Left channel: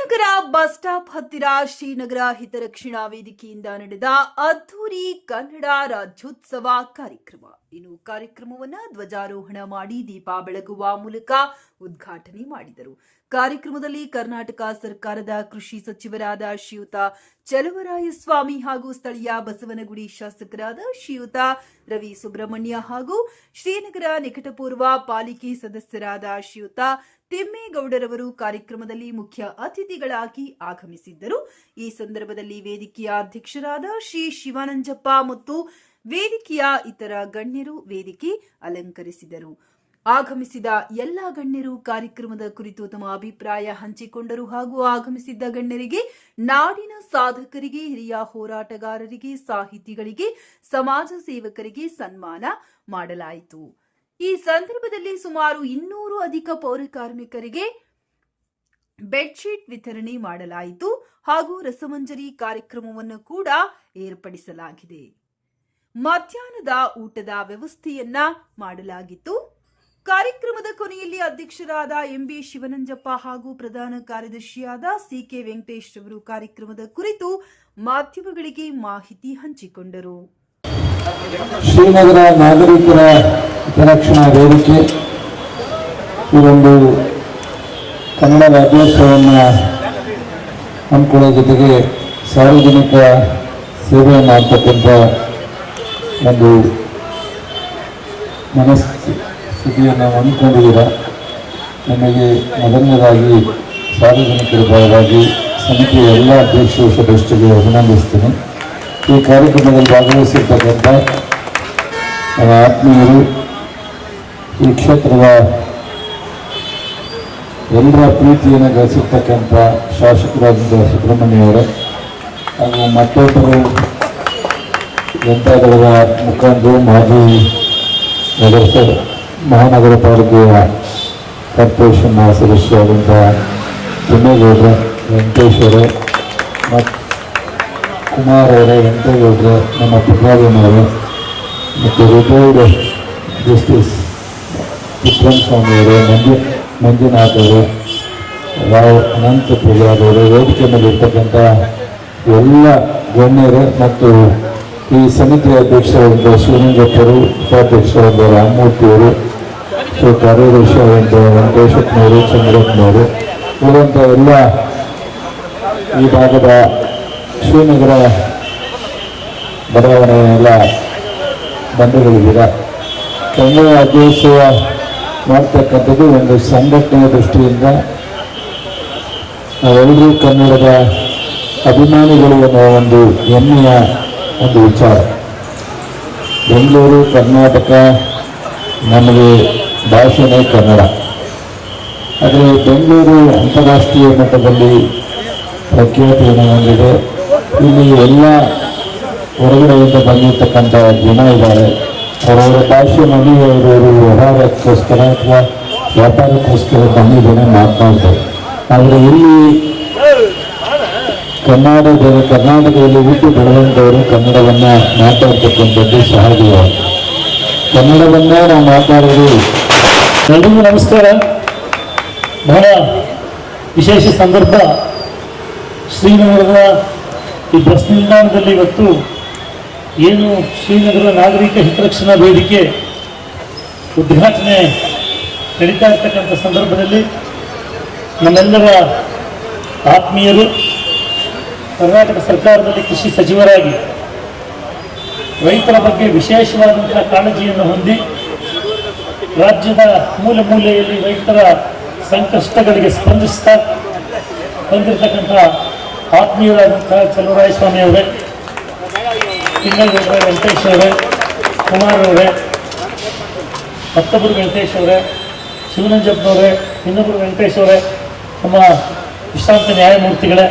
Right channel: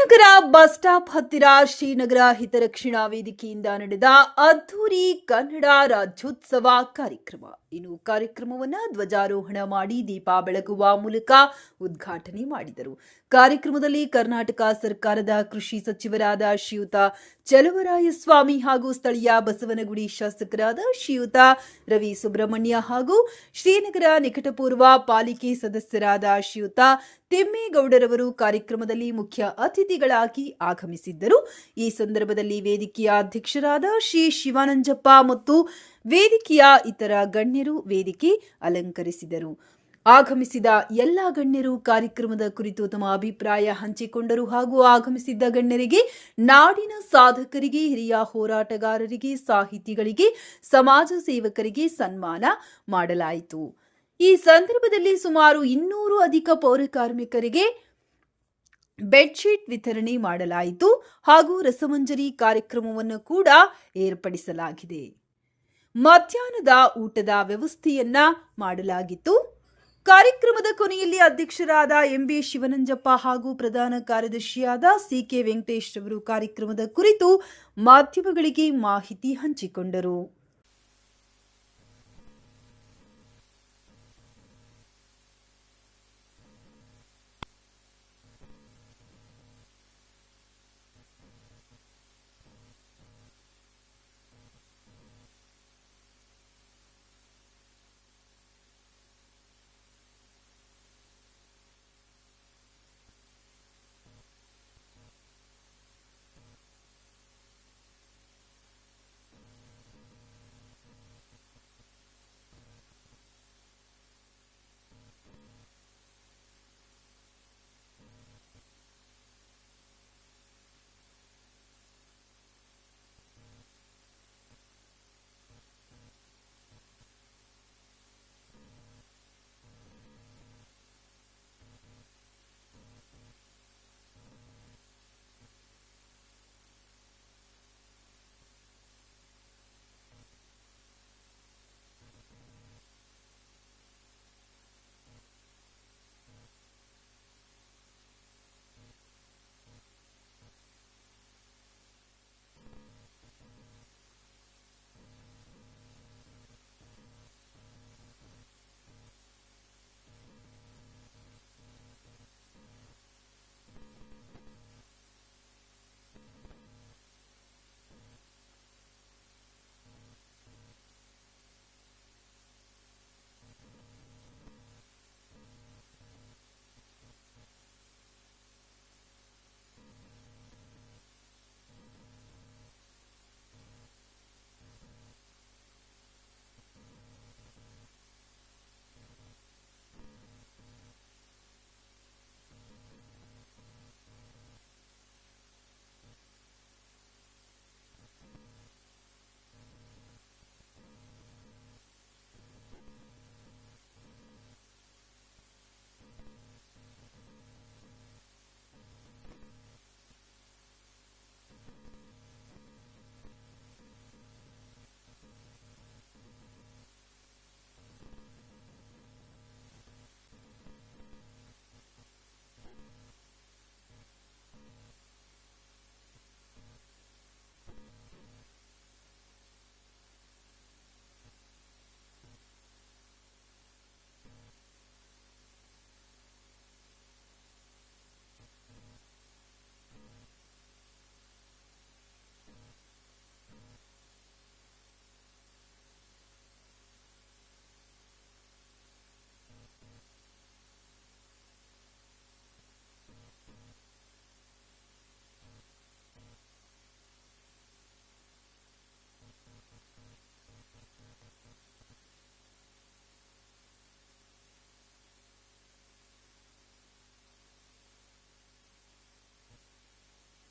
Srinagar bus stop ಹತ್ತಿರ ಶ್ರೀನಗರ ಹಿತರಕ್ಷಣಾ ವೇದಿಕೆಯಿಂದ ನಡೆದ ಅದ್ದೂರಿ ಕನ್ನಡ ರಾಜ್ಯೋತ್ಸವ ಕಾರ್ಯಕ್ರಮ. ಇನ್ನು ಕಾರ್ಯಕ್ರಮವನ್ನು ಧ್ವಜಾರೋಹಣ ಮಾಡಿ ದೀಪ ಬೆಳಗುವ ಮೂಲಕ ಉದ್ಘಾಟನೆ ಮಾಡಿದರು. ಕಾರ್ಯಕ್ರಮದಲ್ಲಿ ಕರ್ನಾಟಕ ಸರ್ಕಾರದ ಕೃಷಿ ಸಚಿವರಾದ ಶ್ರೀಯುತ ಚಲುವರಾಯಸ್ವಾಮಿ ಹಾಗೂ ಸ್ಥಳೀಯ ಬಸವನಗುಡಿ ಶಾಸಕರಾದ ಶ್ರೀಯುತ ರವಿ ಸುಬ್ರಹ್ಮಣ್ಯ ಹಾಗೂ ಶ್ರೀನಗರ ನಿಕಟಪೂರ್ವ ಪಾಲಿಕೆ ಸದಸ್ಯರಾದ ಶ್ರೀಯುತ ತಿಮ್ಮೇಗೌಡರವರು ಕಾರ್ಯಕ್ರಮದಲ್ಲಿ ಮುಖ್ಯ ಅತಿಥಿಗಳಾಗಿ ಆಗಮಿಸಿದ್ದರು. ಈ ಸಂದರ್ಭದಲ್ಲಿ ವೇದಿಕೆಯ ಅಧ್ಯಕ್ಷರಾದ ಶ್ರೀ ಶಿವಾನಂಜಪ್ಪ ಮತ್ತು ವೇದಿಕೆಯ ಇತರ ಗಣ್ಯರು ವೇದಿಕೆ ಅಲಂಕರಿಸಿದರು. ಆಗಮಿಸಿದ ಎಲ್ಲ ಗಣ್ಯರು ಕಾರ್ಯಕ್ರಮದ ಕುರಿತು ತಮ್ಮ ಅಭಿಪ್ರಾಯ ಹಂಚಿಕೊಂಡರು ಹಾಗೂ ಆಗಮಿಸಿದ್ದ ಗಣ್ಯರಿಗೆ ನಾಡಿನ ಸಾಧಕರಿಗೆ, ಹಿರಿಯ ಹೋರಾಟಗಾರರಿಗೆ, ಸಾಹಿತಿಗಳಿಗೆ, ಸಮಾಜ ಸೇವಕರಿಗೆ ಸನ್ಮಾನ ಮಾಡಲಾಯಿತು. ಈ ಸಂದರ್ಭದಲ್ಲಿ ಸುಮಾರು ಇನ್ನೂರು ಅಧಿಕ ಪೌರ ಕಾರ್ಮಿಕರಿಗೆ ಬೆಡ್ಶೀಟ್ ವಿತರಣೆ ಮಾಡಲಾಯಿತು ಹಾಗೂ ರಸಮಂಜರಿ ಕಾರ್ಯಕ್ರಮವನ್ನು ಕೂಡ ಏರ್ಪಡಿಸಲಾಗಿದೆ. ಮಧ್ಯಾಹ್ನದ ಊಟದ ವ್ಯವಸ್ಥೆಯನ್ನ ಮಾಡಲಾಗಿತ್ತು. ಕಾರ್ಯಕ್ರಮದ ಕೊನೆಯಲ್ಲಿ ಅಧ್ಯಕ್ಷರಾದ ಎಂಬಿ ಶಿವನಂಜಪ್ಪ ಹಾಗೂ ಪ್ರಧಾನ ಕಾರ್ಯದರ್ಶಿಯಾದ ಸಿಕೆ ವೆಂಕಟೇಶ್ ಅವರು ಕಾರ್ಯಕ್ರಮದ ಕುರಿತು ಮಾಧ್ಯಮಗಳಿಗೆ ಮಾಹಿತಿ ಹಂಚಿಕೊಂಡರು. ಶ್ರೀನಗರ ನಾಗರಿಕರ ಹಿತರಕ್ಷಣಾ ವೇದಿಕೆ. ಈ ಒಂದು ಕನ್ನಡ ರಾಜ್ಯೋತ್ಸವವನ್ನು ಹಮ್ಮಿಕೊಳ್ಳೋ ಜೊತೆಗೆ ಸಾರ್ವಜನಿಕ ಸೇವೆ ಮಾಡ್ತಕ್ಕಂಥ ಒಂದು ಮನಸ್ಥಿತಿಯನ್ನು ಹೊಂದಿಕೊಂಡಿದ್ದೀರ? ನಮಗೆ ಮೊದಲನೇದಾಗಿ ಸಾರ್ವಜನಿಕರ ಭಾಗವಾಗಿ ಸಮಿತಿಯ ಎಲ್ಲ ಅಧ್ಯಕ್ಷರು, ಸದಸ್ಯರಿಗೆ ಅಭಿನಂದಿಸ್ತೀನಿ. ಈ ಕಾರ್ಯಕ್ರಮದಲ್ಲಿ ಭಾಗವಹಿಸಿರ್ತಕ್ಕಂಥ ನನ್ನ ಆತ್ಮೀಯರು ಈ ಕ್ಷೇತ್ರದ ಎಲ್ಲರ ಪ್ರೀತಿಯನ್ನು ಗಳಿಸಿರ್ತಕ್ಕಂಥ ಶಾಸಕರಾದ ಸುಬ್ರಹ್ಮಣ್ಯವರೇ ಹಾಗೂ ಮತ್ತೊಬ್ಬರು ಜನತಾದಳದ ಮುಖಂಡರು ಮಾಜಿ ನಗರಸಭೆ, ಮಹಾನಗರ ಪಾಲಿಕೆಯ ಕಾರ್ಪೊರೇಷನ್ನ ಸದಸ್ಯರಾದಂಥ ತಿಮ್ಮೇಗೌಡ್ರ ವೆಂಕಟೇಶ್ವರ ಮತ್ತು ಕುಮಾರ್ ಅವರ ವೆಂಕಟೇಗೌಡ್ರ ನಮ್ಮ ಪುಟ್ರಾಜನವರೇ ಮತ್ತು ರಿಟೈರ್ಡ್ ಜಸ್ಟಿಸ್ ವಿಕ್ರಮ್ ಸ್ವಾಮಿ ಅವರು, ಮಂಜು ಮಂಜುನಾಥ್ ಅವರು, ರಾವ್ ಅನಂತ ಪೂಜಾರ್ ಅವರು, ವೇದಿಕೆ ಮೇಲೆ ಇರ್ತಕ್ಕಂಥ ಎಲ್ಲ ಗಣ್ಯರು ಮತ್ತು ಈ ಸಮಿತಿಯ ಅಧ್ಯಕ್ಷರಾದ ಶಿವಲಿಂಗಪ್ಪರು ಉಪಾಧ್ಯಕ್ಷರಾದ ರಾಮಮೂರ್ತಿಯವರು ಸೊ ಕಾರ್ಯದರ್ಶಿಯಾದಂಥ ವೆಂಕಟೇಶಪ್ಪನವರು ಚಂದ್ರಪ್ಪನವರು ಇರುವಂಥ ಎಲ್ಲ ಈ ಭಾಗದ ಶ್ರೀನಗರ ಬಡಾವಣೆಯೆಲ್ಲ ಬಂಧುಗಳಿದ್ದೀರ. ಕನ್ನಡ ಅಧ್ಯಕ್ಷ ಮಾಡ್ತಕ್ಕಂಥದ್ದು ಒಂದು ಸಂಘಟನೆಯ ದೃಷ್ಟಿಯಿಂದ ನಾವೆಲ್ಲರೂ ಕನ್ನಡದ ಅಭಿಮಾನಿಗಳು ಅನ್ನೋ ಒಂದು ಹೆಮ್ಮೆಯ ಒಂದು ವಿಚಾರ. ಬೆಂಗಳೂರು, ಕರ್ನಾಟಕ ನಮಗೆ ಭಾಷೆನೇ ಕನ್ನಡ. ಆದರೆ ಬೆಂಗಳೂರು ಅಂತಾರಾಷ್ಟ್ರೀಯ ಮಟ್ಟದಲ್ಲಿ ಪ್ರಖ್ಯಾತಿಯನ್ನು ಹೊಂದಿದೆ ಇಲ್ಲಿ ಎಲ್ಲ ಹೊರಗಡೆಯಿಂದ ಬಂದಿರತಕ್ಕಂಥ ಜನ ಇದ್ದಾರೆ. ಅವರವರ ಭಾಷೆ ಮನೆಯವರವರು ವ್ಯವಹಾರಕ್ಕೋಸ್ಕರ ಅಥವಾ ವ್ಯಾಪಾರಕ್ಕೋಸ್ಕರ ಬಂದಿದ್ದೇನೆ ಮಾತನಾಡ್ತಾರೆ ಆದರೆ ಇಲ್ಲಿ ಕನ್ನಡದ ಕರ್ನಾಟಕದಲ್ಲಿ ಹುಟ್ಟಿ ಬೆಳೆದಂಥವರು ಕನ್ನಡವನ್ನು ಮಾತಾಡ್ತಕ್ಕಂಥದ್ದು ಸಹಜವಾಗಿ ಕನ್ನಡವನ್ನೇ ನಾವು ಮಾತಾಡೋದು. ಎಲ್ರಿಗೂ ನಮಸ್ಕಾರ. ಬಹಳ ವಿಶೇಷ ಸಂದರ್ಭ. ಶ್ರೀನಗರದ ಈ ಬಸ್ ನಿಲ್ದಾಣದಲ್ಲಿ ಇವತ್ತು ಏನು ಶ್ರೀನಗರ ನಾಗರಿಕ ಹಿತರಕ್ಷಣಾ ವೇದಿಕೆ ಉದ್ಘಾಟನೆ ನಡೀತಾ ಇರ್ತಕ್ಕಂಥ ಸಂದರ್ಭದಲ್ಲಿ ನಮ್ಮೆಲ್ಲರ ಆತ್ಮೀಯರು ಕರ್ನಾಟಕ ಸರ್ಕಾರದಲ್ಲಿ ಕೃಷಿ ಸಚಿವರಾಗಿ ರೈತರ ಬಗ್ಗೆ ವಿಶೇಷವಾದಂತಹ ಕಾಳಜಿಯನ್ನು ಹೊಂದಿ ರಾಜ್ಯದ ಮೂಲೆ ಮೂಲೆಯಲ್ಲಿ ರೈತರ ಸಂಕಷ್ಟಗಳಿಗೆ ಸ್ಪಂದಿಸ್ತಾ ಬಂದಿರತಕ್ಕಂಥ ಆತ್ಮೀಯರಾದಂತಹ ಚಲುವರಾಯಸ್ವಾಮಿ ಅವರೇ ತಿಮ್ಮೇಗೌಡರೆ ವೆಂಕಟೇಶ್ ಅವರೇ, ಕುಮಾರ್ ಅವರೇ ಮತ್ತೊಬ್ಬರು ವೆಂಕಟೇಶ್ ಅವರೇ ಶಿವನಂಜಪ್ಪನವರೇ ಇನ್ನೊಬ್ಬರು ವೆಂಕಟೇಶ್ ಅವರೇ, ನಮ್ಮ ವಿಶ್ರಾಂತ ನ್ಯಾಯಮೂರ್ತಿಗಳೇ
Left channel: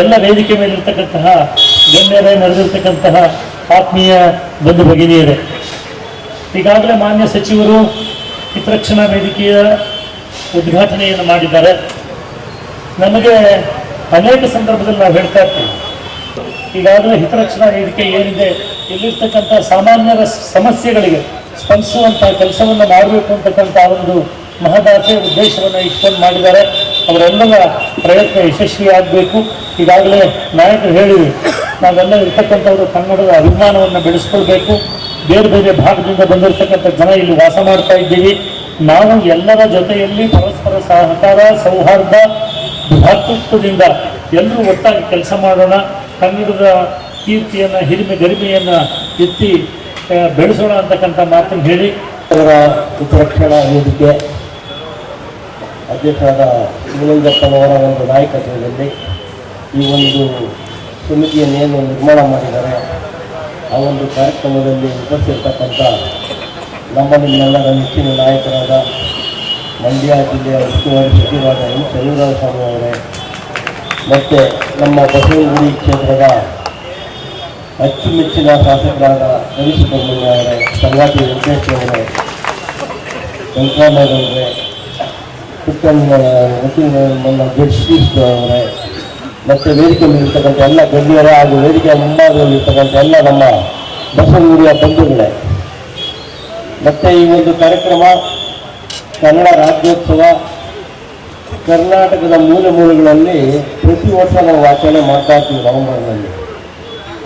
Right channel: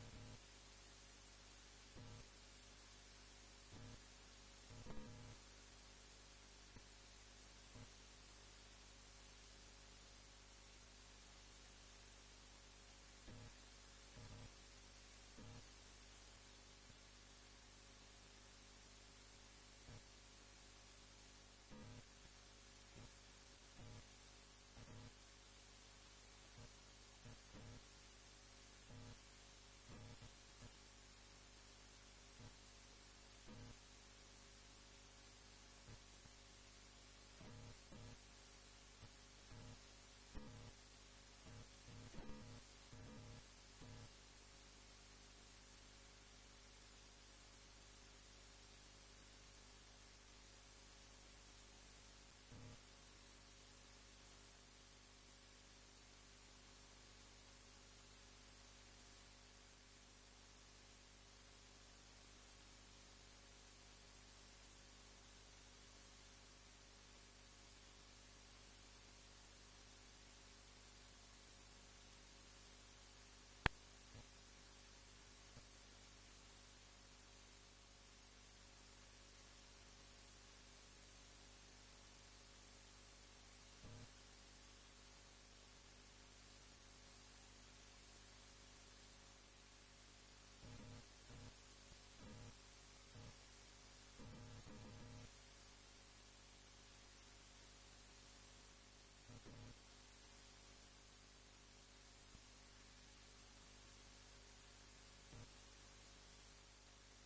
ಎಲ್ಲ ವೇದಿಕೆ ಮೇಲಿರ್ತಕ್ಕಂತಹ ಗಣ್ಯರೇ ನಡೆದಿರ್ತಕ್ಕಂತಹ ಆತ್ಮೀಯ ಬಂಧು ಭಗಿನಿಯರೇ, ಈಗಾಗಲೇ ಮಾನ್ಯ ಸಚಿವರು ಹಿತರಕ್ಷಣಾ ವೇದಿಕೆಯ ಉದ್ಘಾಟನೆಯನ್ನು ಮಾಡಿದ್ದಾರೆ. ನಮಗೆ ಅನೇಕ ಸಂದರ್ಭದಲ್ಲಿ ನಾವು ಹೇಳ್ತಾ ಇರ್ತೀವಿ, ಈಗಾಗಲೇ ಹಿತರಕ್ಷಣಾ ವೇದಿಕೆ ಏನಿದೆ, ಇಲ್ಲಿರ್ತಕ್ಕಂಥ ಸಾಮಾನ್ಯರ ಸಮಸ್ಯೆಗಳಿಗೆ ಸ್ಪಂದಿಸುವಂತಹ ಕೆಲಸವನ್ನು ಮಾಡಬೇಕು ಅಂತಕ್ಕಂಥ ಒಂದು ಮಹದಾಸೆ ಉದ್ದೇಶವನ್ನು ಇಟ್ಕೊಂಡು ಮಾಡಿದ್ದಾರೆ. ಅವರೆಲ್ಲರ ಪ್ರಯತ್ನ ಯಶಸ್ವಿಯಾಗಬೇಕು ಈಗಾಗಲೇ ನಾಯಕರು ಹೇಳಿದರು, ನಾವೆಲ್ಲ ಇರ್ತಕ್ಕಂಥವರು ಕನ್ನಡದ ಅಭಿಮಾನವನ್ನು ಬೆಳೆಸ್ಕೊಳ್ಬೇಕು. ಬೇರೆ ಬೇರೆ ಭಾಗದಿಂದ ಬಂದಿರತಕ್ಕಂಥ ಜನ ಇಲ್ಲಿ ವಾಸ ಮಾಡ್ತಾ ಇದ್ದೀವಿ. ನಾವು ಎಲ್ಲರ ಜೊತೆಯಲ್ಲಿ ಪರಸ್ಪರ ಸಹಕಾರ, ಸೌಹಾರ್ದ ಭಾತೃತ್ವದಿಂದ ಎಲ್ಲರೂ ಒಟ್ಟಾಗಿ ಕೆಲಸ ಮಾಡೋಣ. ಕನ್ನಡದ ಕೀರ್ತಿಯನ್ನು, ಹಿರಿಮೆ ಗರಿಮೆಯನ್ನು ಎತ್ತಿ ಬೆಳೆಸೋಣ ಅಂತಕ್ಕಂಥ ಮಾತನ್ನು ಹೇಳಿ. ಅವರ ಕ್ಷಣ ವೇದಿಕೆ ಅಧ್ಯಕ್ಷರಾದ ಶಿವಲಿಂಗಪ್ಪನವರ ಒಂದು ನಾಯಕತ್ವದಲ್ಲಿ ಈ ಒಂದು ಸಮಿತಿಯನ್ನೇನು ನಿರ್ಮಾಣ ಮಾಡಿದ್ದಾರೆ, ಆ ಒಂದು ಕಾರ್ಯಕ್ರಮದಲ್ಲಿ ಉಪಸ್ಥಿರ್ತಕ್ಕಂಥ ನಮ್ಮ ನಿಮ್ಮೆಲ್ಲರ ನೆಚ್ಚಿನ ನಾಯಕರಾದ ಮಂಡ್ಯ ಜಿಲ್ಲೆಯ ಉಸ್ತುವಾರಿ ಸಚಿವರಾದ ಎಂ ಚಂದ್ರರಾಜ ಸ್ವಾಮಿ ಅವರೇ, ಮತ್ತು ನಮ್ಮ ಬಸವನಗುಡಿ ಕ್ಷೇತ್ರದ ಅಚ್ಚುಮೆಚ್ಚಿನ ಶಾಸಕರಾದ ರವಿ ಸುಬ್ರಹ್ಮಣ್ಯ ಅವರೇ, ಸಂಗಾತಿ ವೆಂಕಟೇಶ್ ಅವರೇ ವೆಂಕಟರಾಮಯ್ಯವರೇ ನಮ್ಮ ನನ್ನ ಗೆಸ್ಟ್ ಅವರೇ. ಮತ್ತು ವೇದಿಕೆ ಮೇಲಿರ್ತಕ್ಕಂಥ ಎಲ್ಲ ಗಣ್ಯರೇ ಹಾಗೂ ವೇದಿಕೆಯ ಮುಂಭಾಗದಲ್ಲಿರ್ತಕ್ಕಂಥ ಎಲ್ಲ ನಮ್ಮ ಬಸವನಗುಡಿಯ ಬಂಧುಗಳೇ. ಮತ್ತು ಈ ಒಂದು ಕಾರ್ಯಕ್ರಮ ಕನ್ನಡ ರಾಜ್ಯೋತ್ಸವ ಕರ್ನಾಟಕದ ಮೂಲೆ ಮೂಲೆಗಳಲ್ಲಿ ಪ್ರತಿ ವರ್ಷ ನಾವು ಆಚರಣೆ ಮಾಡ್ತಾ ಇರ್ತೀವಿ ನವೆಂಬರ್ನಲ್ಲಿ.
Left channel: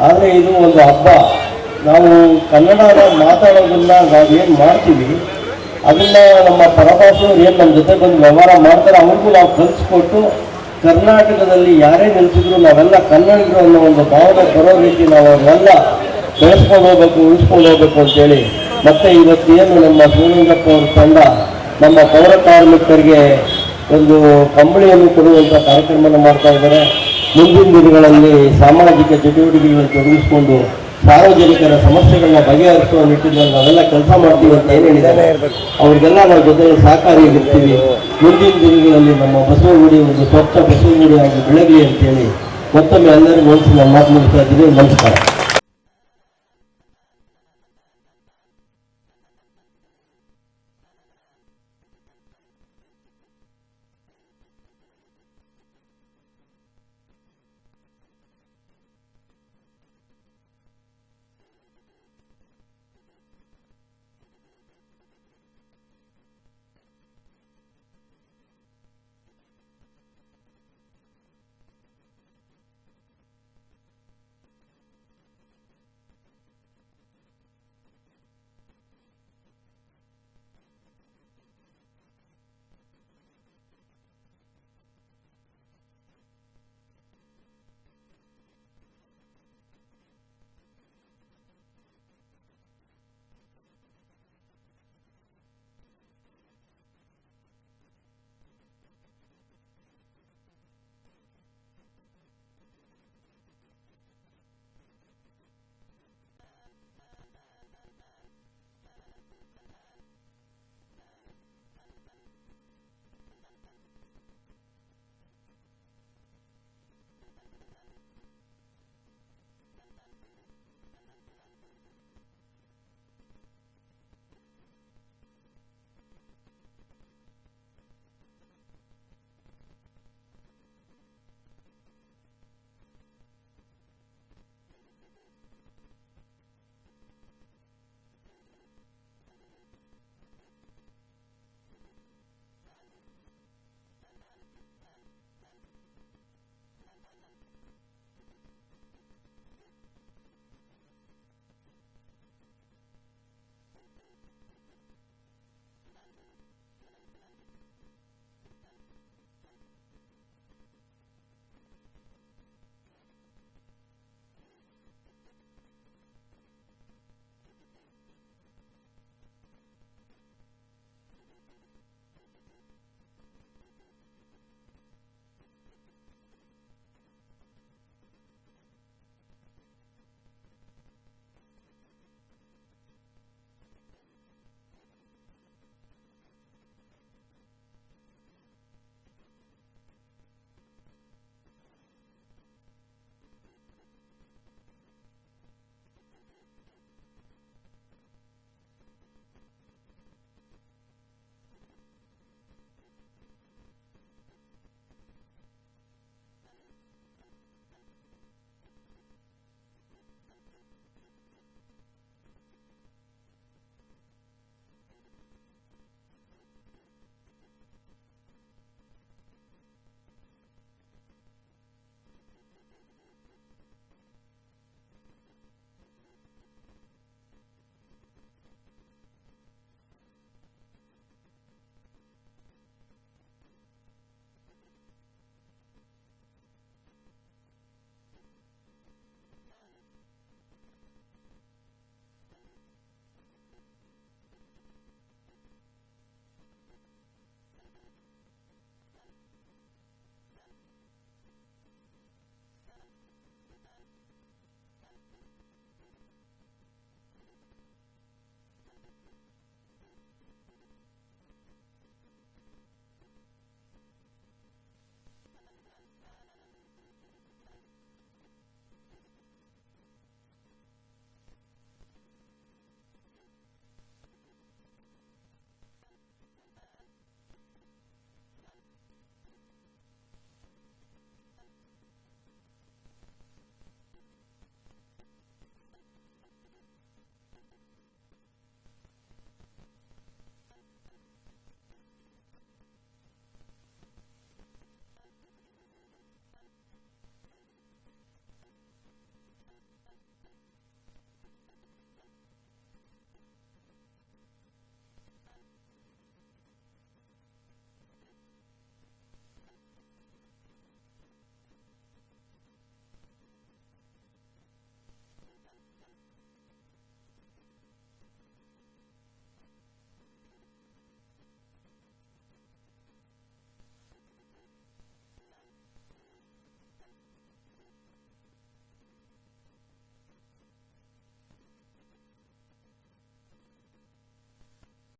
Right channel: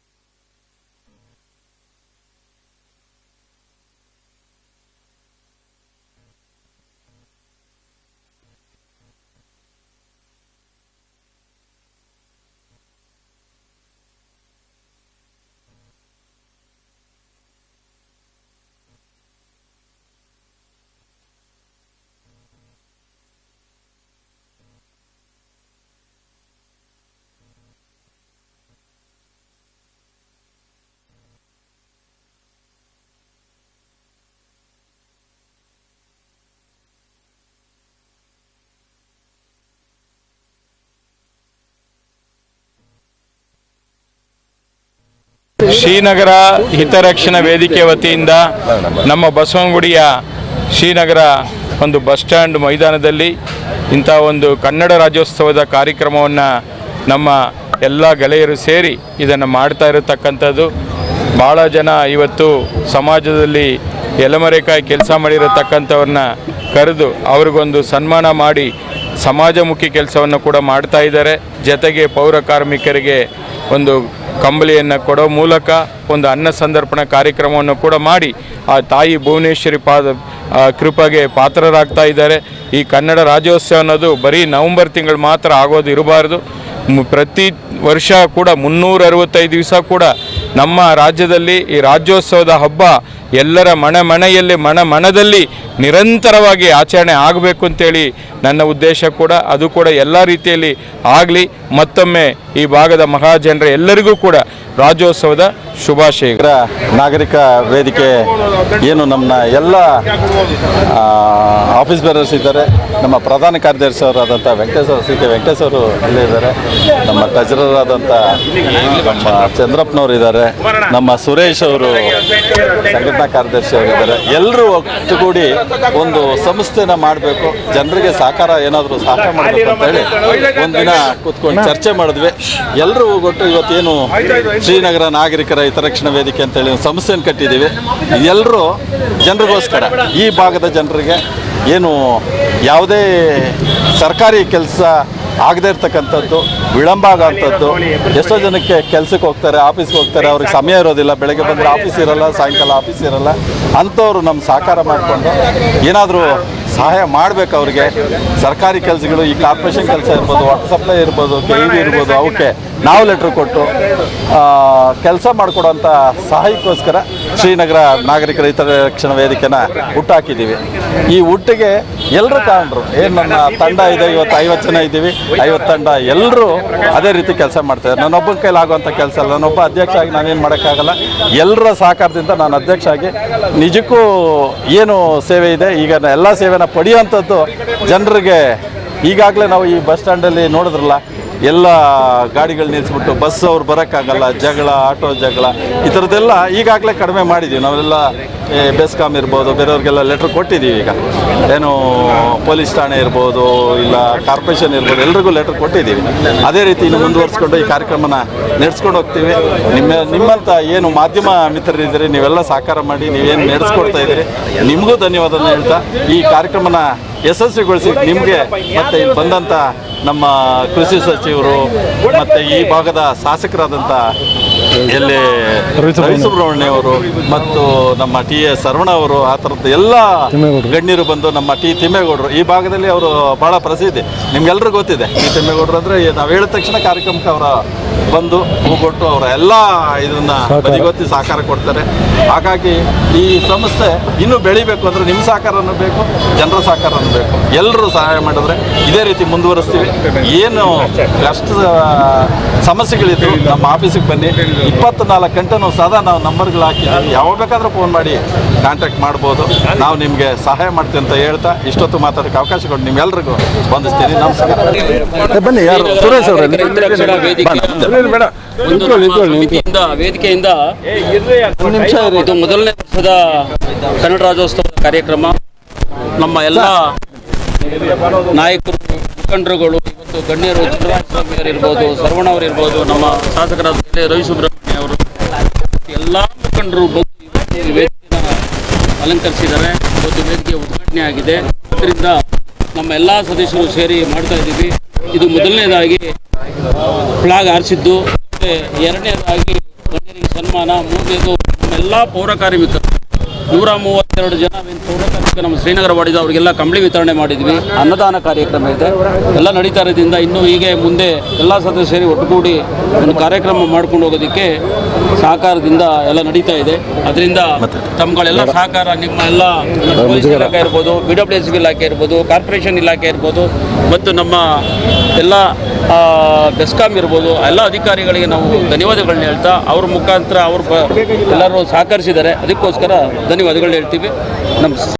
ಆದರೆ ಇದು ಒಂದು ಹಬ್ಬ. ನಾವು ಕನ್ನಡನ ಮಾತಾಡೋದನ್ನ ನಾವೇನು ಮಾಡ್ತೀವಿ ಅದನ್ನ ನಮ್ಮ ಪರಭಾಷೆಯವರು ಏನು ನಮ್ಮ ಜೊತೆ ಬಂದು ವ್ಯವಹಾರ ಮಾಡ್ತಾರೆ, ಅವ್ರಿಗೂ ನಾವು ಕಲಿಸ್ಕೊಟ್ಟು ಕರ್ನಾಟಕದಲ್ಲಿ ಯಾರೇ ನಿಲ್ಸಿದ್ರು ನಾವೆಲ್ಲ ಕನ್ನಡಿಗರು ಅನ್ನೋ ಒಂದು ಭಾವನೆ ಬರೋ ರೀತಿ ನಾವು ಅವರೆಲ್ಲ ಬೆಳೆಸ್ಕೊಂಡು ಹೋಗ್ಬೇಕು, ಉಳಿಸ್ಕೊಂಡು ಹೋಗ್ಬೇಕು ಅಂತೇಳಿ. ಮತ್ತೆ ಇವತ್ತೇನು ನಮ್ಮ ಶಿವಲಿಂಗಪ್ಪ ಅವ್ರ ತಂಡ ನಮ್ಮ ಪೌರ ಕಾರ್ಮಿಕರಿಗೆ ಒಂದು ಕಂಬಳಿಯನ್ನು ಕೊಡುವಂಥ ಕಾರ್ಯಕ್ರಮವನ್ನು ಮಾಡ್ತಾ ಇದ್ದಾರೆ. ಮುಂದಿನ ದಿನಗಳಲ್ಲಿ ಸಾಮಾಜಿಕ ಚಟುವಟಿಕೆಗಳನ್ನು ತೊಡಗಿಸಿಕೊಂಡು ಸಾರ್ವಜನಿಕರ ಸಮಸ್ಯೆಗಳನ್ನ ಬಗೆಹರಿಸುವ ನಿಟ್ಟಿನಲ್ಲಿ ನಾವೆಲ್ಲ ಕೆಲಸ ಮಾಡ್ತೀವಿ ಅಂತ ಏನು ಹೇಳಿದ್ದಾರೆ? ಅವ್ರಿಗೆಲ್ಲ ನಾವು ಜೊತೆ ಸಹಕಾರಿಯಾಗಿರ್ತೀವಿ. ಮುಂದಿನ ದಿನಗಳಲ್ಲಿ ನಮ್ಮ ಬಸವಗುಡಿ ಒಂದು ಸ್ವಚ್ಛ ಬಸವಗುಡಿಯಾಗಿ ಬೆಳಗಲಿ ಅಂತೇಳಿ ಮತ್ತೊಮ್ಮೆ ಎಲ್ಲರಿಗೂ ಮನಸ್ಸು ನಮ್ಮ ಮಾತು ಮುಗಿಸ್ತಾ ಇದ್ದೀವಿ ನಮಸ್ಕಾರ. ಶ್ರೀನಗರ ಹಿತರಕ್ಷಣಾ ವೇದಿಕೆ ವತಿಯಿಂದ ನಮ್ಮ ಬಸವನಗುಡಿಯ ಶ್ರೀನಗರ ಒಂದು ಬಸ್ ಸ್ಟ್ಯಾಂಡ್ ಮೈದಾನದಲ್ಲಿ ಇಂಥ ಒಂದು ಕನ್ನಡ ರಾಜ್ಯೋತ್ಸವದ ಕಾರ್ಯಕ್ರಮವನ್ನು ನಮ್ಮ ಎಲ್ಲ ಗೆಳೆಯರು ಸೇರಿ ಇದನ್ನು ಮಾಡ್ತಾ ಇರತಕ್ಕಂಥದ್ದು. ಭಾಳ ಜನ ಇವತ್ತು ಸಮಾಜದಲ್ಲಿ ಎಲೆಮರೆಕಾಯಿ ಕೆಲಸ ಮಾಡಿರತಕ್ಕಂಥವ್ರನ್ನ ಕರೆದು ಅವ್ರಿಗೊಂದು ಸನ್ಮಾನ ಮಾಡಿ ಸಮಾಜಮುಖಿ ಕೆಲಸವನ್ನು ಕೂಡ ಮಾಡ್ತಾ ಇದ್ದಾರೆ. ಜೊತೆಗೆ ಪೌರ ಕಾರ್ಮಿಕರಿಗೆ ಒಂದು ಕಂಬಳಿಯನ್ನು ಕೊಡೋ ಮೂಲಕ ಒಂದು ಅನ್ನ ಸಂದರ್ಪಣ ಕಾರ್ಯಕ್ರಮವನ್ನು ಕೂಡ ಮಾಡಿ ಆ ತಾಯಿ ಭುವನೇಶ್ವರಿ ಪಾದ ಕೃಪೆಗೆ ಪಾತ್ರರಾಗ್ತಾ ಇದ್ದಾರೆ. ಈ ಕನ್ನಡ ರಾಜ್ಯೋತ್ಸವ ಅನ್ನೋದು ಬರೀ ನವಂಬರ್ ತಿಂಗಳು ಮಾತ್ರ ಆಗೋದು ಇರಬಾರ್ದು. ಪ್ರತಿ ವರ್ಷ ಕೂಡ ಮುನ್ನೂರ ಅರವತ್ತೈದು ದಿವಸ ಕೂಡ ನಮ್ಮ ರಾಜ್ಯದಲ್ಲಿ ಈ ರಾಜ್ಯೋತ್ಸವದ ಹಬ್ಬ ಎಲ್ಲರ ಮನೆ ಮನೆಯಲ್ಲಿ, ಮನ ಮನದಲ್ಲಿ ನಿರಂತರವಾಗಿ ಆಚರಣೆ ಆಗಬೇಕು ಅಂತೇಳಿ ನನ್ನ ಉದ್ದೇಶ ಕೂಡ, ಅದು ಕೂಡ ಎಲ್ಲ ರೀತಿಯಲ್ಲಿ ಆಗಲಿ. ಮತ್ತೊಮ್ಮೆ ಈ ಭಾಗದ ಮಹಾಜನರ ಎಲ್ಲರಿಗೂ ಕೂಡ ರಾಜ್ಯೋತ್ಸವದ ಶುಭಾಶಯ ನಾಗರಿಕ ವೇದಿಕೆ ಏನು ನಮ್ಮ ಎಲ್ಲ ಆಫೀಸ್ ಬೇರರ್ಸ್ ಇದ್ದಾರೆ. ನಮ್ಮ ಪ್ರಧಾನ ಕಾರ್ಯದರ್ಶಿ ಅವರಾದಂಥ ವೆಂಕಟೇಶ್ವರ ಸಿ ಕೆ ವೆಂಕಟೇಶ್ವರು ಅಲ್ಲೇ ಇದ್ದಾರೆ. ನಮ್ಮ ಟ್ರೆಜರರಾದಂಥ ಚಂದ್ರಪ್ಪನವರು ಇದ್ದಾರೆ. ನಮ್ಮ ಸುರೇಶ್ ಅವರು ಸಂಘಟನಾ ಕಾರ್ಯದರ್ಶಿ ಆಗಿದ್ದಾರೆ. ಎಲ್ಲರೂ ಒಟ್ಟುಗೂಡಿ ಒಂದು ಸಂಸ್ಥೆನ ಮಾಡಬೇಕು. ಜನರಿಗೆ ಸಹಕಾರ ಏನಾದರೂ ಸಹಕಾರ ಮಾಡಬೇಕು ಅಂತ ಹೇಳಿ ಒಂದಿನ ಕೂತ್ಕೊಂಡು ಚರ್ಚೆ ಮಾಡಿದ್ವಿ. ಎಲ್ಲರೂ ಒಟ್ಟು ಇವತ್ತೇನು ಶ್ರೀನಗರ ನಾಗರಿಕರ ಹಿತರಕ್ಷಣಾ ವೇದಿಕೆ ಅಂತೇಳಿ ಒಂದು ಸಂಸ್ಥೆಯನ್ನು ಕಟ್ಟಿದ್ದೀವಿ. ಎಲ್ಲರೂ ಜನರಿಗೋಸ್ಕರ ಈ ಭಾಗದ ಜನರಿಗೆ ಏನು ಯಾವುದೇ ಸರ್ಕಾರಿ ಕೆಲಸ ಆಗದೇ ಇರ್ತಕ್ಕಂಥದ್ದು, ವಿಳಂಬ ಆಗೋಂಥದ್ದು, ಎಷ್ಟೋ ಜನಕ್ಕೆ ಕೆಲಸಕ್ಕೆ ಹೋಗ್ತಾರೆ, ಆಫೀಸ್ಗೆ ಹೋಗ್ತಾರೆ, ಅವ್ರಿಗೆ ಸಮಯ ಇರೋದಿಲ್ಲ, ಬೆಳಗ್ಗೆ ಬಂದರೆ ಆಫೀಸ್ ಇರಲ್ಲ, ಸಾಯಂಕಾಲ ಆಫೀಸ್ ಇರಲ್ಲ, ಅಂಥವ್ರು ನಮ್ಮ ಸಹಕಾರ ಮಾಡಿಕೊಂಡು ಏನಾದರೂ ಸಹಾಯ ಮಾಡಬೇಕು ಅವ್ರಿಗೆ. ಸರ್ಕಾರಿ ಕೆಲಸಗಳು ಈ ಕಾರ್ಪೊರೇಷನ್ ಕೆಲಸ ಇರ್ಬೋದು ವಾಟರ್ ಸಪ್ಲೈ ಇರ್ಬೋದು ಕೆ ಇ ಇರ್ಬೋದು ಅವಕ್ಕೆ ನಾವು ಲೆಟ್ರ್ ಕೊಟ್ಟು ಕೆಲಸ ಮಾಡಿಕೊಡೋಂಥ ಸಹಾಯಕ್ಕೋಸ್ಕರ ಶ್ರೀನಗರ ನಾಗರಿಕ ರೈತರ ರಕ್ಷಣಾ ವೇದಿಕೆನ ಹುಟ್ಟಾಕಿದ್ದೀವಿ. ಈ ಹುಟ್ಟಿಗೆ ಎಲ್ಲರೂ ತಗೊಂಡ್ರು ಏನು ನನ್ನ ತಂಡ ಇದೆ, ಇವತ್ತು ಐವತ್ತು ಜನ ಇದ್ದೀವಿ. ಐವತ್ತು ತಂಡ ಎಲ್ಲರೂ ಅದೇ ರೀತಿ ಕೆಲಸ ಮಾಡ್ತಾರೆ ನನ್ನೊಬ್ಬನ ಕೈಲಿ ಆಗುವಂಥ ಕೆಲಸ ಅಲ್ಲ. ನಾನೊಬ್ಬ ಅಧ್ಯಕ್ಷ ಆಗಿ ನಾನೇನು ಮಾಡೋಕ್ಕಾಗಲ್ಲ. ಎಲ್ಲರ ಸಹಕಾರದಿಂದ ನಾನು ಅಧ್ಯಕ್ಷ ಆಗಿ ನಿಜಕ್ಕೂ ಏನು ಸೇವೆ ಇದೆ? ಈಗ ಎಲ್ಲ ಸೇವೆನ ಪಡೆಯುವಂಥದ್ದು ಜನರಿಗೆ ಈಗಾಗಲೇ ನಾವು ಈ ಬಸ್ ಸ್ಟ್ಯಾಂಡಲ್ಲಿ ನೋಡಿದ್ರಲ್ಲ, ಎಲ್ಲ ಗಾಡಿಗಳು ನಿಲ್ಲಿಸ್ಬಿಟ್ಟು ಬಸ್ ಅವ್ರು ಬರೋಕ್ಕಾಗಲ್ಲ, ಜಗಳ, ಆಟೋ ಜಗಳ, ಈ ಥರದ್ದೆಲ್ಲ ಈಗಾಗಲೇ ಕಡಿಮೆ ಮಾಡಿದ್ದೀವಿ. ನಾವೆಲ್ಲ ಬೆಸ್ಕಾಮ್ ಇರ್ಬೋದು, ಬೇರೆಯವ್ರಿಗೆಲ್ಲ ಲೆಟ್ರ್ ಕೊಟ್ಟಿದ್ದೀವಿ ಈಗ. ಏನು ಪೊಲೀಸ್ ಠಾಣೆ ಇರ್ಬೋದು, ಇಲ್ಲ ಕಾರ್ಪೊರೇಷನ್ ಇರ್ಬೋದು, ಎಲ್ರಿಗೂ ಲೆಟ್ರ್ ಕೊಟ್ಟಿದ್ದೀವಿ. ಅದೇ ರೀತಿ ಇನ್ನು ಮುಂದುವರಿಸ್ಕೊಂಡು ಈ ಕಾರ್ಯಕ್ರಮನ ನಡೆಸ್ಕೊಂಡು ಹೋಗ್ತೀವಿ. ನಿಮ್ಮ ನಿಮ್ಮಂಥ ಏನು ಮಾಧ್ಯಮ ಮಿತ್ರರಿದ್ದೀರಿ, ನೀವೆಲ್ಲ ಸಹಕಾರ ಮಾಡಿ, ನೀವೇನು ನಡೆಸ್ಕೊಡ್ತಾ ಇದ್ದೀರಿ, ನಿಮಗೂ ಧನ್ಯವಾದನ ಹೇಳ್ತಾ, ಈ ಕಾರ್ಯಕ್ರಮನ ಯಶಸ್ವಿಗೊಳಿಸಿ ನಿಮಗೆ ಮತ್ತೆ ಇಲ್ಲಿ ಬಂದಂಥ ನಮ್ಮ ಕೃಷಿ ಸಚಿವರು, ಮತ್ತು ಈ ಭಾಗದ ಶಾಸಕರಾದಂಥ ಎಲ್ಲಿ ರವಿ ಸುಬ್ರಹ್ಮಣ್ಯ ಅವರು, ಮತ್ತು ನಮ್ಮ ಟಿ ಎಸ್ ಶರವಣ ಅವರು ಆ ಥರದ್ದು ಎಲ್ಲ ಗಣ್ಯರು ಬಂದು ನಮ್ಮ ಟಿ ತಿಮ್ಮೇಗೌಡರು. ಈ ಭಾಗದಲ್ಲಿ ಅವರು ಭಾಳ ಪ್ರಸಿದ್ಧಿ. ನಿಮ್ಗೆಲ್ರಿಗೂ ಗೊತ್ತಿದೆ ಟಿ ತಿಮ್ಮೇಗೌಡರು ಅಂದರೆ ನಾವು ಹೇಳಿದ ತಕ್ಷಣ ಕಾರ್ಯಕ್ರಮಕ್ಕೆ ಅವರ ಬಂದು ಹೂಗೊಟ್ಟು ಅವರ ಎಲ್ಲ ಇದನ್ನ ಬದಿಗೊತ್ತಿ ಸಹಕಾರ ಕೊಡ್ತಾರೆ. ಹಾಗಾಗಿ ಈ ಸಂಸ್ಥೆ ಇನ್ನೂ ಬೆಳಿಬೇಕು ಅಂದರೆ ನಿಮ್ಮ ಸಹಕಾರನೂ ಬೇಕು ಜನರ ಸಹಕಾರನೂ ಬೇಕು. ಎಲ್ಲರೂ ಸಹಾಯ ಮಾಡಿದ್ರೆ ಇದೇ ರೀತಿ ಮುಂದುವರಿಸ್ತೀವಿ. ಏನು ಕಷ್ಟ ಸಮಸ್ಯೆಗಳಿದ್ರು ನಮ್ಮ ಆಫೀಸಿಗೆ ಬನ್ನಿ. ಇಪ್ಪತ್ನಾಲ್ಕು ಗಂಟೆ ನಾವು ಸದಾ ನಾವು ನಂಬರ್ಗಳು ಹಾಕಿದ್ದೀವಿ. ಯಾವಾಗ ಬೇಕಾದ್ರೂ ಫೋನ್ ಮಾಡಿ ಕಾಂಟ್ಯಾಕ್ಟ್ ಮಾಡ್ಬೋದು. ನಾವು ನಿಮಗೆ ಸಹಾಯ ಮಾಡ್ತೀವಿ ಅಂತ ಹೇಳ್ತಾ ಇಷ್ಟೊತ್ತು ಮಾತಾಡೋಕ್ಕೆ ಅವಕಾಶ ಕೊಟ್ಟು ನಿಮ್ಮೆಲ್ರಿಗೂ ಸ್ಪಂದಿಸ್ತೀನಿ ನಮಸ್ಕಾರ. ಬನ್ನಿ ಯಾರು? ಸುರೇಶ್ ಅವರಲ್ಲಿ ಸಮಿತಿಯಿಂದ ವೇದಿಕೆಯಿಂದ ಇದು ಮೊದಲನೇ ವರ್ಷದ ಕನ್ನಡ ರಾಜ್ಯೋತ್ಸವದ ಕಾರ್ಯಕ್ರಮ. ನಮ್ಮ ಎಲ್ಲ ನಾಯಕರು ಮುಖಂಡರುಗಳು ಇವತ್ತು ಗಣ್ಯರು ಚಂದ್ರಸ್ವಾಮಿಯವರು ಇರ್ಬೋದು ಸರ್ವಣ ಅವರು ಇರ್ಬೋದು ನಮ್ಮ ಶಾಸಕರಾದ ಎಲ್. ರವಿ ಸುಬ್ರಹ್ಮಣ್ಯ ಅವರು ಎಲ್ಲ ಮುಖಂಡರು ಬಂದು ಈ ವೇದಿಕೆನ ಅಲಂಕರಿಸಿದ್ದಾರೆ. ಇವತ್ತು ವೇದಿಕೆ ಉದ್ಘಾಟನೆ ಆಗಿದೆ. ಅದರಿಂದ ನಮ್ಮ ಎಲ್ಲ ಸದಸ್ಯರು ಸೇರಿ ಮಾಡ್ತಾ ಇದ್ದೀವಿ. ಇದು ಮೊದಲನೇದಾಗಿ ಫ್ಲಾಗ್ ಹಾರಿಸಿದ್ದು ಎರಡನೇದಾಗಿ ಗಣ್ಯರಿಗೆ ಸನ್ಮಾನ, ಮೂರನೇದು ನಮ್ಮೆಲ್ಲ ಪೌರ ಕಾರ್ಮಿಕರು. ನೂರ ಮೂವತ್ತೆರಡು ಜನ ಪೌರ ನಮ್ಮ ಶ್ರೀನಗರ ವಾಡಿದ ಅವರಿಗೆಲ್ಲ ಕಂಬಳಿ ವಿತರಣೆ ಮಾಡಿದ್ವಿ. ಅನ್ನದಾನ ಕಾರ್ಯಕ್ರಮ ಇದೆ. ಎಲ್ಲ ನಡೀತಾ ಇರೋದ್ರಿಂದ ಇನ್ನೂ ಹೀಗೆ ಮುಂದೆ ಎಲ್ಲ ಸದಸ್ಯರು ಒಟ್ಟುಗೂಡಿ ಒಂದು ಕಾರ್ಯಕ್ರಮ ಮಾಡ್ಕೊಂಡು ಹೋಗೋದಕ್ಕೆ ಸಹಕಾರದಿಂದ ಎಲ್ಲ ನಡೀತಾ ಇದೆ. ಅದರಿಂದ ತಮ್ಮಗಳೆಲ್ಲ ಸಹಕಾರ ನಿಮ್ಮ ಎಲ್ಲ ಪೊಲೀಸ್ ಇಲಾಖೆ ಇರ್ಬೋದು ಬಿ ಡಬ್ಲ್ಯೂ ಎಸ್ ಇಲಾಖೆ ಇರ್ಬೋದು ಕಾರ್ಪೊರೇಷನ್ ಇಲಾಖೆ ಇರ್ಬೋದು ಮತ್ತು ನಮ್ಮ ಎಲ್ಲ ಬೆಸ್ಕಾಮ್ ಬೆಸ್ಕಾಂ ಇರ್ಬೋದು ಎಲ್ಲ ಅಧಿಕಾರಿಗಳಿಗೆ ನಾವು ಧನ್ಯವಾದಗಳನ್ನ ಹೇಳ್ತಾ ಅವ್ರ ಮುಖಾಂತರ ಅವರು ಎಲ್ಲರೂ ಸಹಕರಿಸಿದ್ದಾರೆ. ಅದಕ್ಕೋಸ್ಕರ ಧನ್ಯವಾದಗಳನ್ನ ಹೇಳ್ತೀವಿ. ನಮ್ಮ